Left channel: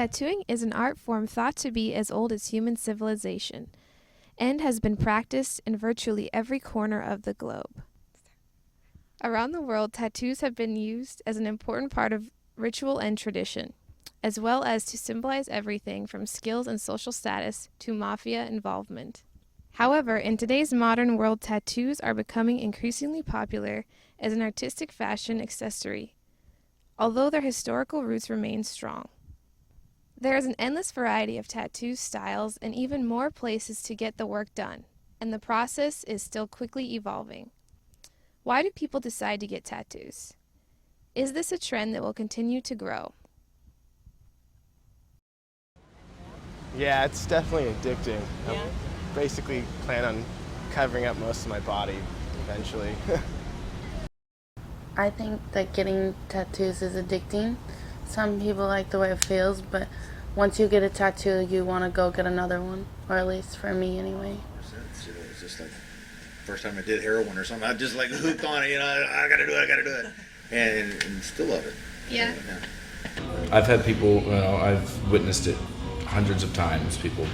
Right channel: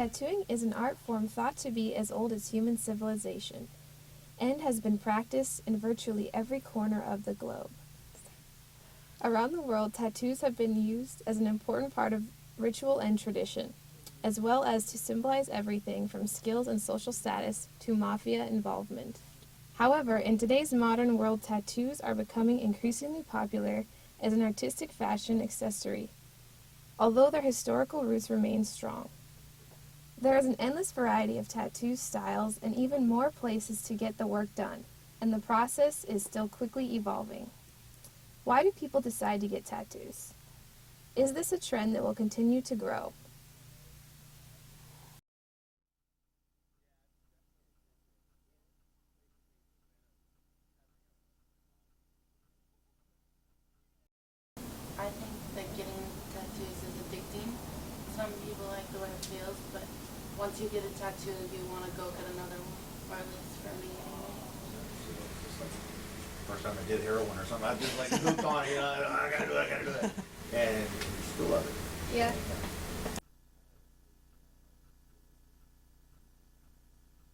Tattooing is an art form thought to be as old as human civilization and has been practiced in virtually every corner of the globe. Around the world, tattoos have been used as an important part of ritual and tradition, as well as to symbolize everything from skills and social status to mafia involvement. However, in today's modern world, tattoos are becoming increasingly popular as an artistic fashion accessory, although their historical roots remain strong. There is an endless variety of tattoo styles and even more places to get the work done, and the process is still quickly evolving. Why do people decide to get tattoos? Is this a trend that will continue to grow? Yeah, it's definitely addicting. Yeah. I basically plan on covering up most of my body eventually. I think that getting tattoos is addicting. Some people like the way it feels, but once you get a tattoo, you want to go get another one, or at least for me anyway. It's just like the first time I did heroin or something, I just like hooked on it, I gotta do it, and still love it. Yeah. I've had people, I've witnessed it hundreds of times, people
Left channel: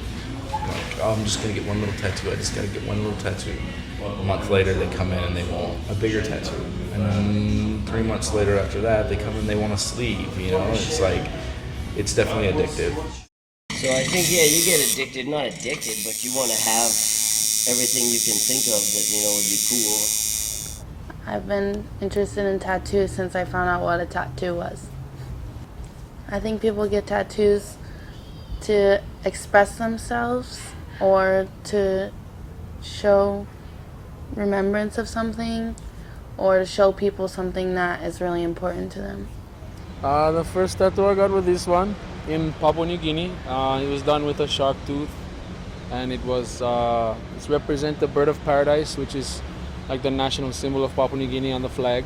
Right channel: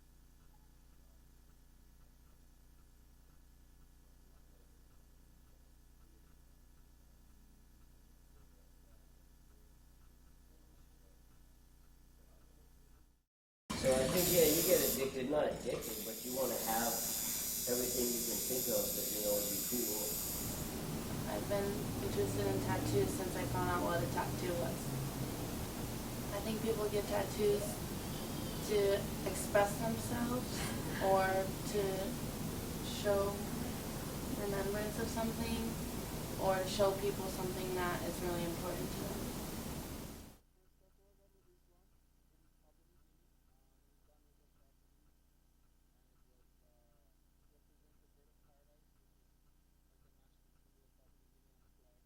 like, oh, I'm just gonna get one little tattoo, I just gotta get one little tattoo. A month later they come in and they want a bigger tattoo. And then 3 months later after that, they come in and they want a sleeve, it's like, it's definitely addictive. So I think, yeah, you get addicted, not addicted, but you want to have everything you can think of that, would be cool. I've been interested in tattoos since I found out what a tattoo was. I think people get tattoos to express themselves or to show remembrance of something or to show people something that is really important to them. The first tattoo I got was this one in Papua New Guinea. It was done with a shark tooth, and it's represent the bird of paradise, which is like the national symbol of Papua New Guinea on the flag.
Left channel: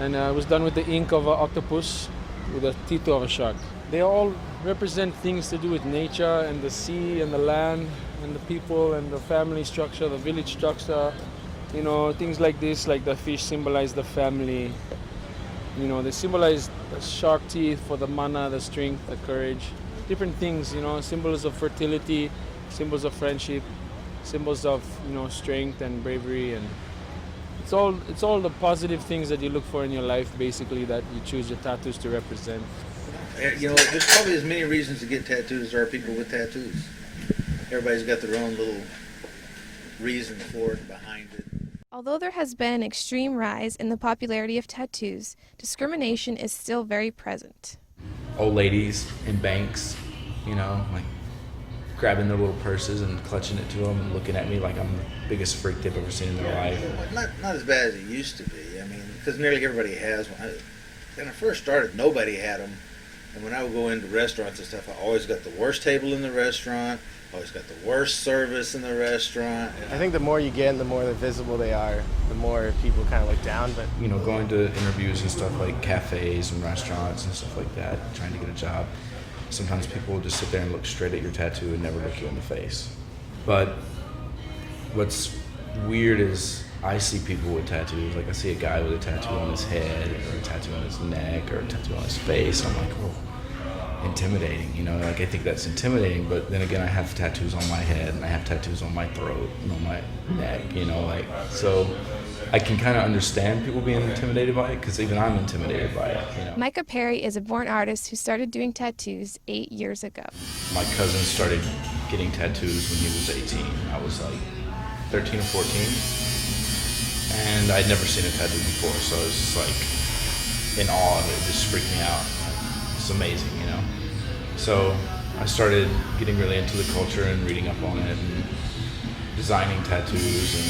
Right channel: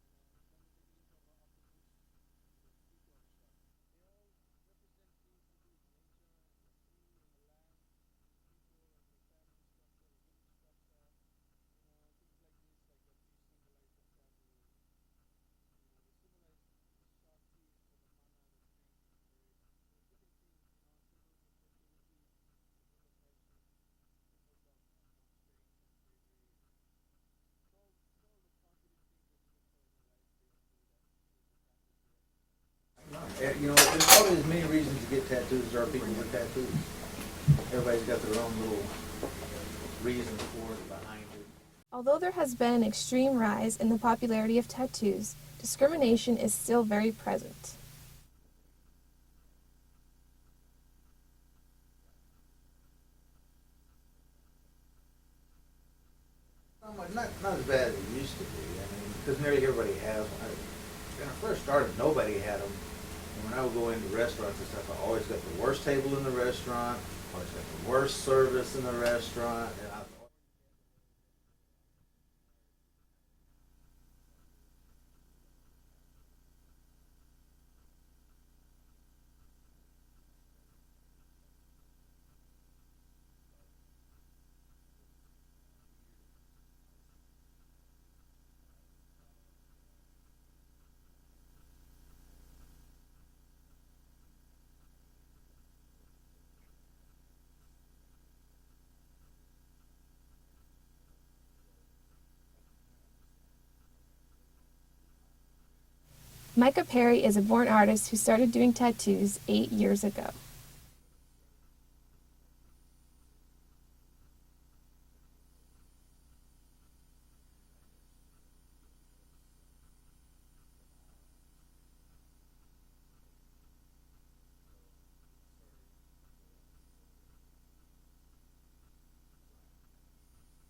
And it was done with the ink of an octopus with the teeth of a shark. They all represent things to do with nature and the sea and the land and the people and the family structure, the village structure. Things like this, like the fish symbolize the family. They symbolize the shark teeth for the mana, the strength, the courage. Different things, symbols of fertility, symbols of friendship, symbols of, strength and bravery. And it's all the positive things that you look for in your life, basically, that you choose your tattoos to represent. There's probably as many reasons to get tattoos as there are people with tattoos. Everybody's got their own little reason for it, behind it. Although there has been an extreme rise in the popularity of tattoos, discrimination is still very present. Old ladies in banks, like grabbing their little purses and clutching it to them and looking at me like I'm the biggest freak they've ever seen in their life. Not as bad as it used to be. Because nearly everybody has one. When I first started, nobody had them. And when I would go into restaurants and stuff, I always got the worst table in the restaurant. Always got the worst service in the restaurant. I think the more you get and the more visible they are, the more people kind of look down. But Going to interviews and stuff like cafes and restaurants and stuff like that, trying to get a job, sometimes people will just sit there and look straight at your tattoo and never look you in the face. But what's weird is I see people with tattoos. Like I see a guy with a tattoo on his head or a tattoo on his neck or a tattoo on his face. I'm like, oh, intimidating, like I think that's intimidating, but then again I have tattoos on my head and I have tattoos on my throat and on my neck, so I can kind of understand people being intimidated by it because even I'm intimidated by it. Micah Perry is a born artist who started doing tattoos 8 years ago. My cousin started getting tattoos when he was 18. I was like 13 or 14 and I'd never seen a tattoo before, so I was just like in awe of it. It just freaked me out. It's amazing, So I started getting really into the culture and reading up on it and designing tattoos and,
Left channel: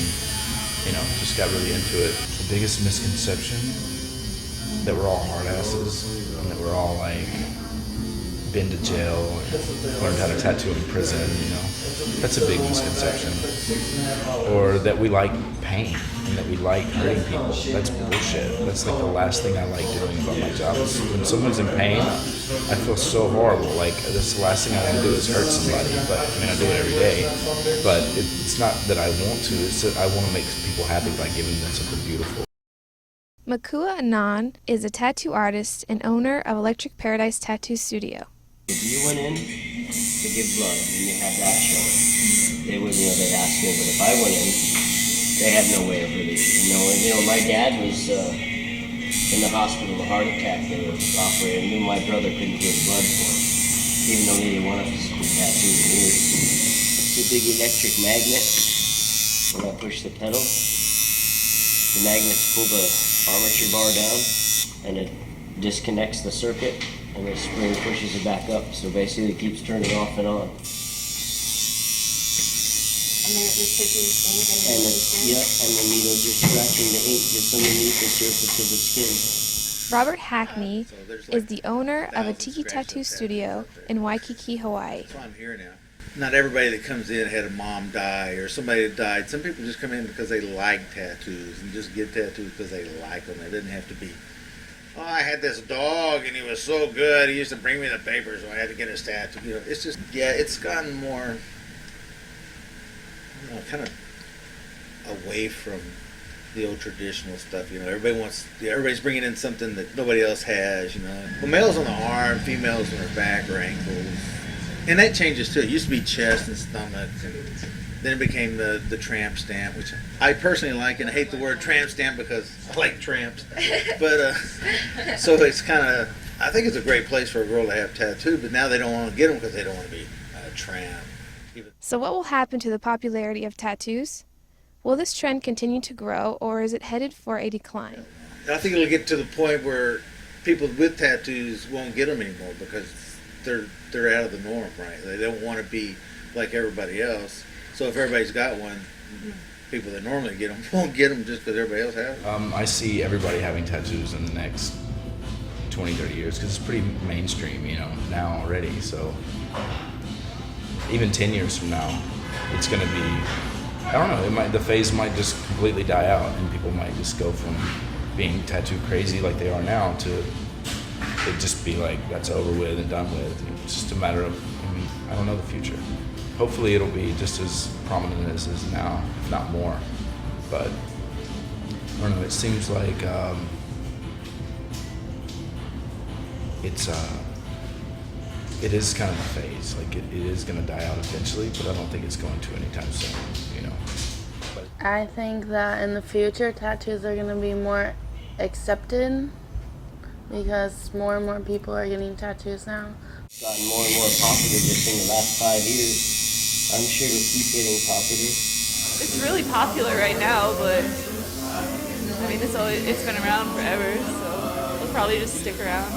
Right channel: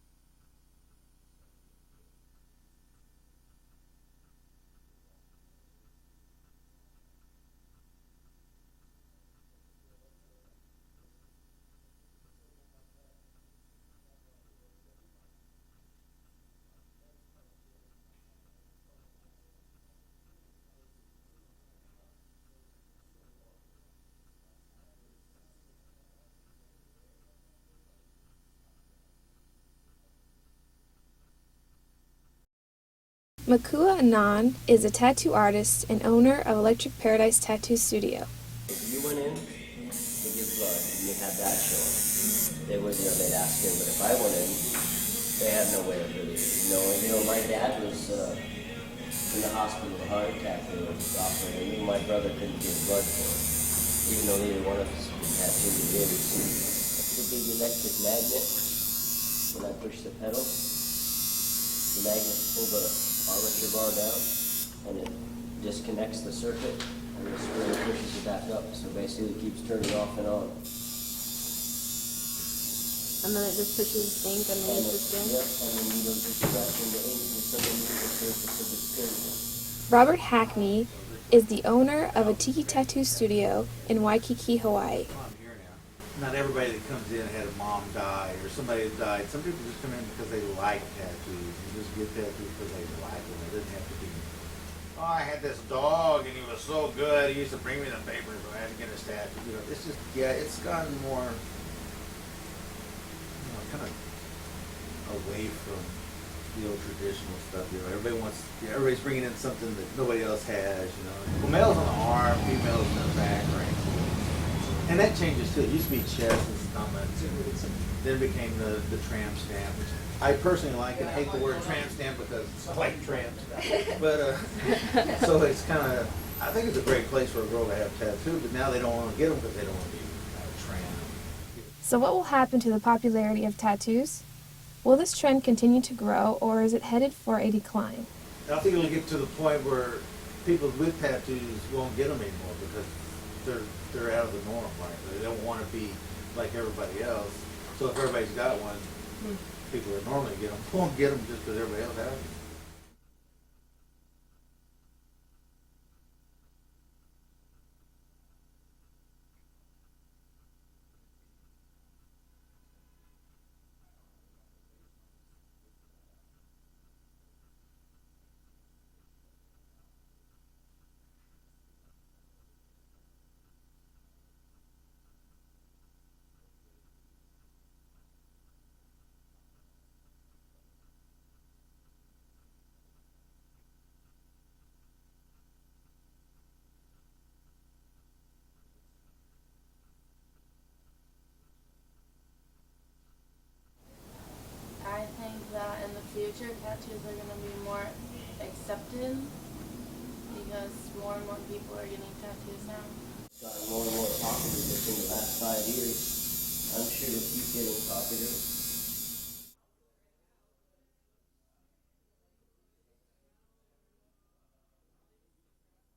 just got really into it. The biggest misconception that we're all hard asses and that we're all like been to jail and learned how to tattoo in prison, That's a big misconception. Or that we like pain and that we like hurting people. That's bullshit. That's like the last thing I like doing about my job. When someone's in pain, I feel so horrible. Like, that's the last thing I want to do is hurt somebody. But I do it every day. But it's not that I want to. It's that I want to make people happy by giving them something beautiful. Makua Anand is a tattoo artist and owner of Electric Paradise Tattoo Studio. If you went in to give blood and you had that show, they wouldn't, they'd ask me. But if I went in, they had no way of really, my dad was in the hospital with a heart attack. They were operating. I knew my brother couldn't give blood for him, even though neither one of us was tattooed in years. It's a big electric magnet. When I push the pedal, the magnets pull the armature bar down, and it disconnects the circuit, and the spring pushes it back up. So basically, it keeps turning off and on. And then it just pushes ink And underneath the skin? yeah, and the needles are scratching the ink just underneath the surface of the skin. Robert Hackney is the owner of a tiki tattoo studio in Waikiki, Hawaii. That's why I'm here now. Not everybody that comes in had a mom die or somebody that died. Some people just come in because they like tattoos and just get tattoos because they like them. It doesn't have to be, oh, I had this dog and he was so good. He used to bring me the papers, so I had to get his tattoo. It's just, it's gotten more, kind of away from the old traditional stuff. Everybody's bringing in something that nobody else has. Well, males on the arm, females on their back or ankles. And that changes too. It used to be chest and stomach, and then it became the tramp stamp, which I personally like, and I hate the word tramp stamp because I like tramps. But so it's kind of, I think it's a great place for a girl to have tattooed, but now they don't want to get them because they don't want to be a tramp. So what will happen to the popularity of tattoos? Will this trend continue to grow, or is it headed for a decline? I think it'll get to the point where people with tattoos won't get them anymore because they're out of the norm, right? They don't want to be like everybody else. So if everybody's got one, people that normally get them won't get them just because everybody else has them. I see everybody having tattoos in the next 20, 30 years because it's pretty mainstream, now already. So even 10 years from now, it's going to be, I don't know, the phase might just completely die out and people might just go from being tattoo crazy like they are now to it just be like, that's over with and done with. It's just a matter of, I don't know the future. Hopefully it'll be just as prominent as it is now, if not more. But, I don't know, it seems like it is kind of a phase. Like, it is going to die out eventually, but I don't think it's going to anytime soon, But I think that in the future, tattoos are going to be more accepted because more and more people are getting tattoos now. It's gotten more and more popular just in the last 5 years. I'm sure it'll keep getting popular. It's really popular right now, but it's been around forever, so it'll probably just stick around.